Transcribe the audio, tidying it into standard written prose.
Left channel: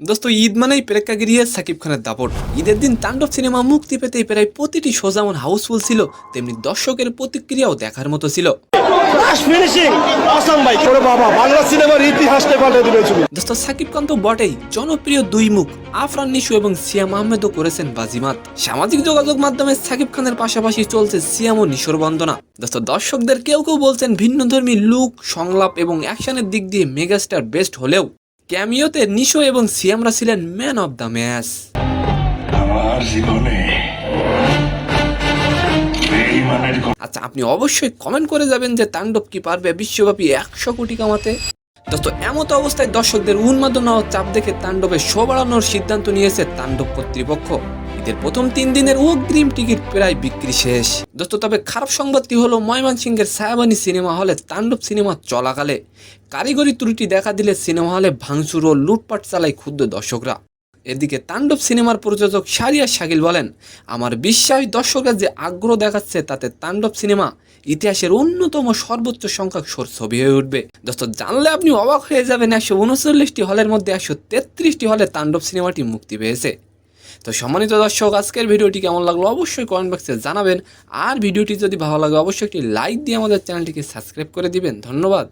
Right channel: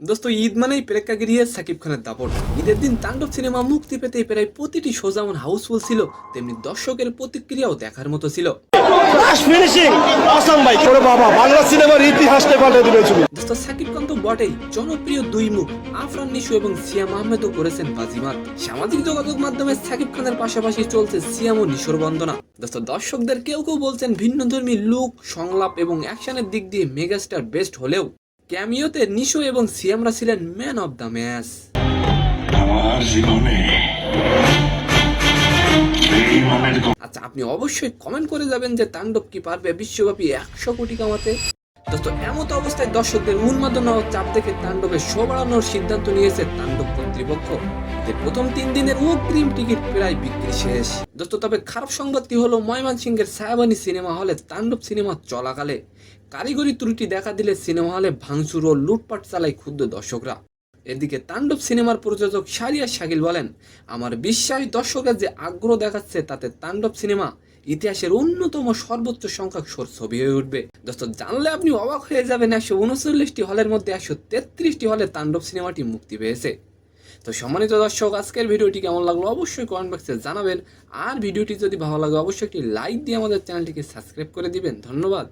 দোস্ত ঈদ মানেই প্রেক্ষাগৃহে সাকিব খানের দাপট। ঈদের দিন তাণ্ডব সিনেমা মুক্তি পেতে প্রায় প্রতিটি শো যেমন হাউসফুল ছিল, তেমনি দর্শকের প্রতিক্রিয়াও দেখার মতো ছিল। বাংলা সিনেমার ইতিহাসটা পাল্টে দিবে ছবি। দোস্ত সাকিব খান তো বটেই, জনপ্রিয় দুই মুখ আফরান নিশু এবং সিয়াম আহমেদও করেছেন বাজিমাত। সামাজিক যোগাযোগ মাধ্যমে সাকিব খানের পাশাপাশি চলছে সিয়াম ও নিশোর বন্দনা। দোস্ত দর্শকদের কেউ কেউ বলছেন ভিন্নধর্মী লুক, সংলাপ এবং অ্যাকশনের দিক দিয়ে মেগাস্টার বেস্ট হলেও ক্যামিওতে নিশো এবং সিয়ামরা ছিলেন ম্যান অব দ্য ম্যাচ। আমার জীবনে আচ্ছা, আপনি অবশ্যই কমেন্ট করে যাবেন যে তাণ্ডব কি পারবে বিশ্বব্যাপী 100 কোটি কামাতে। দোস্ত এমত অবস্থায় দর্শকদের উন্মাদনা ও চাপ দেখে তাণ্ডবের শো বাড়ানোর সিদ্ধান্ত নিয়েছে তাণ্ডব কর্তৃপক্ষ। ঈদের প্রথম 3 দিনের অগ্রিম টিকিট প্রায় বিক্রি শেষ। দোস্ত তবে খারাপ সংবাদটি হলো ময়মনসিংহের ছায়াবানী সিনেমা হলে তাণ্ডব সিনেমা চলাকালে কারিগরি ত্রুটি দেখা দিলে সিনেমা হলে ভাঙচুর ও লুটপাট চালায় ক্ষুব্ধ দর্শকরা। এদিকে তাণ্ডব সিনেমার প্রযোজক শাহরিয়ার শাকিল বলেন, আমার বিশ্বাস দর্শকরা যে আগ্রহ দেখাচ্ছে তাতে তাণ্ডব সিনেমা ইতিহাসের অন্যতম সর্বোচ্চ সংখ্যক শোর ছবি হয়ে উঠবে। দোস্ত জানলে আপনি অবাক হয়ে যাবেন, 139টি হলের মধ্যে 133টি হলে তাণ্ডব সিনেমাটি মুক্তি পেয়েছে। তো সম্মানিত দর্শক, আজকের ভিডিওটি কেমন লাগলো অবশ্যই কমেন্ট বক্সে জানাবেন। আর ভিডিওটি যদি ভালো লাগে অবশ্যই একটি লাইক দিয়ে আমাদের চ্যানেলটিকে সাবস্ক্রাইব করে দিবেন। ধন্যবাদ।